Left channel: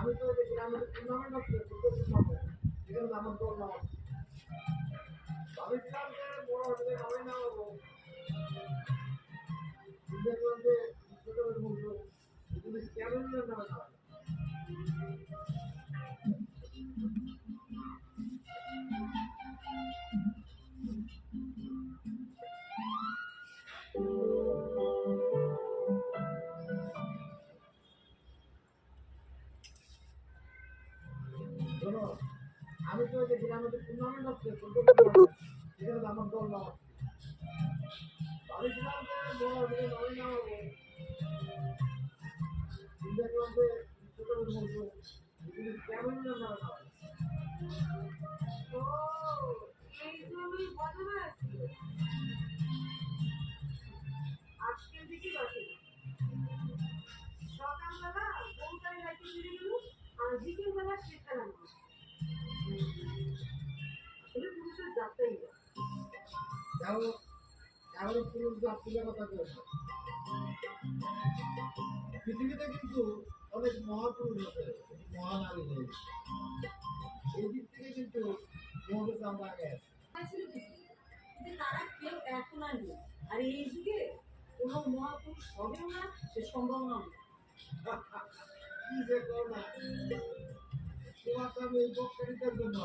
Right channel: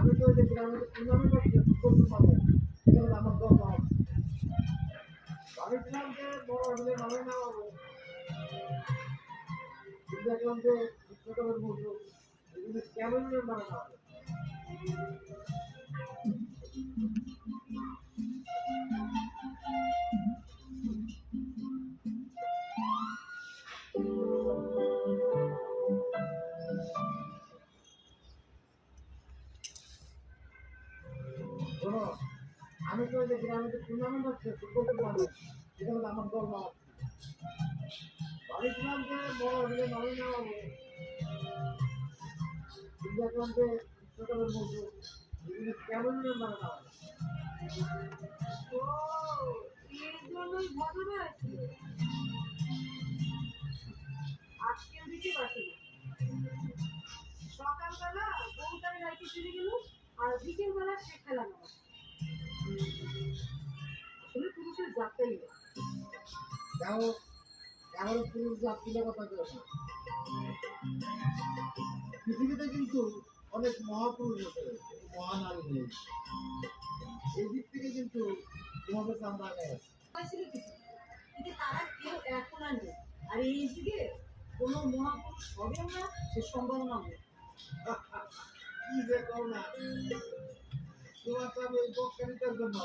আমি তো দেখি আমাদের টুর্নামেন্ট হচ্ছে ফুটবল টুর্নামেন্ট, এখানে আমার দল ভাবছিলাম যে বড় হলে ভালো না হবো, দেখলাম যে ছোটবেলার মূল্য এগুলি কেমন নামে না শোনো, আমি তো দেখি আমাদের টুর্নামেন্ট হচ্ছে ফুটবল টুর্নামেন্ট, এখানে আমার দল ভাবছিলাম যে বড় হলে ভালো না হবো, দেখলাম যে ছোটবেলার মূল্য এগুলি কেমন নামে না আজকের দিকে বাসে সকালবেলা বউটার লাইটে চলে গেল আর বিকেল বেলা সে খেলা না আসলে পুরুষের যাত্রাই যাও এমন পুরুষ যাত্রীদের কথা কেউ না, পৃথিবীতে কিন্তু অনেক মহাপুরুষ আছে, মহানারী নেই, এই দিক থেকে কিন্তু তোমাদের আমরা আগে আছি। কিন্তু তারা কেউ এখন আর নেই। আর এই যুগে কোনো মহাপুরুষ হবেও না, সে সম্ভাবনা নেই। কি যে করো না, তোমাকে আমি এই বক্তৃতার জন্য